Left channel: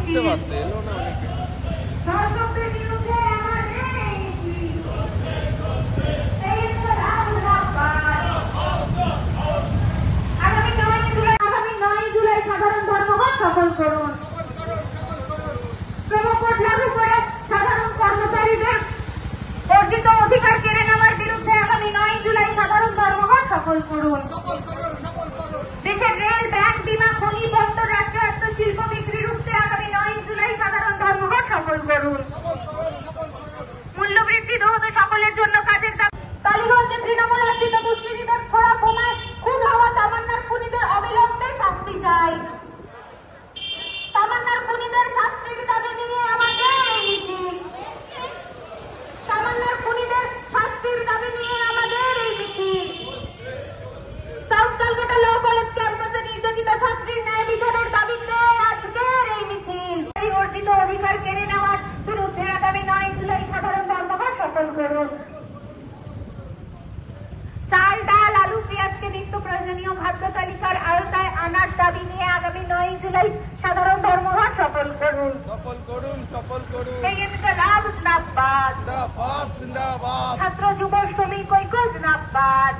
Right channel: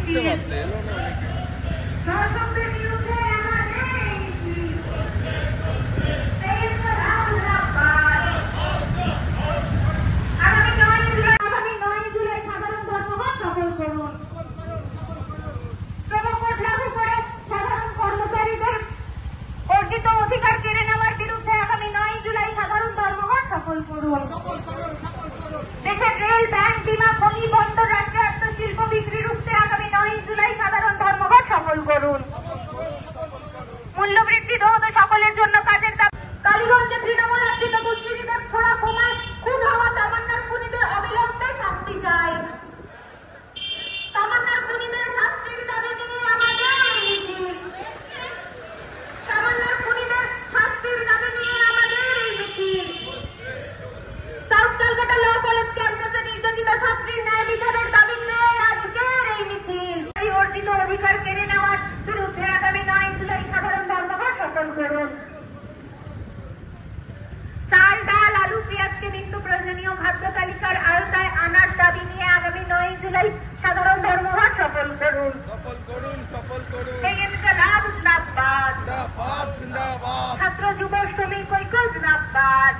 মিছিল ধর্ষকদের বিরুদ্ধে আমাদের এই মিছিল। এই ইনকলাব জিন্দাবাদ। আগামী 9 জুলাই সাধারণ ধর্মঘট সফল করুন। শ্রমকোড লাগু করে সাধারণ কর্মচারীদের অর্জিত অধিকার কেড়ে নেওয়ার বিরুদ্ধে আগামী 9 জুলাই সাধারণ ধর্মঘট সফল করুন। দেশের রেল, ব্যাংক, বিমা, খনি, বন্দর, রাষ্ট্রায়ত্ত শিল্প বিক্রির বিরুদ্ধে আগামী 9 জুলাই সাধারণ ধর্মঘট সফল করুন। মূল্যবৃদ্ধি রোধ ও সকলের জন্য কাজের কালীগঞ্জে তৃণমূল আশ্রিত দুষ্কৃতীদের ছোড়া বোমায় খুন হওয়া তামান্নার খুনিদের অবিলম্বে শাস্তি চাই। তামান্নার খুনিদের শাস্তির দাবি নিয়ে আমাদের এই মিছিল। তামান্নার খুনিদের শাস্তির দাবি নিয়ে আমাদের এই মিছিল। সাউথ ক্যালকাটা ল কলেজ ক্যাম্পাসে নির্যাতিত ছাত্রীর ন্যায় বিচারের দাবিতে আজকের এই মিছিল। এই অর্জিত অধিকার কেড়ে নেওয়ার বিরুদ্ধে আগামী 9 জুলাই সাধারণ ধর্মঘট সফল করুন। চাল, ডাল, আলু, পেঁয়াজকে নিত্য প্রয়োজনীয় খাদ্য তালিকার আওতায় আনার দাবি নিয়ে আগামী 9 জুলাই সাধারণ ধর্মঘট সফল করুন। এই ইনকলাব জিন্দাবাদ। ছাত্র যুব শ্রমিক ঐক্য জিন্দাবাদ।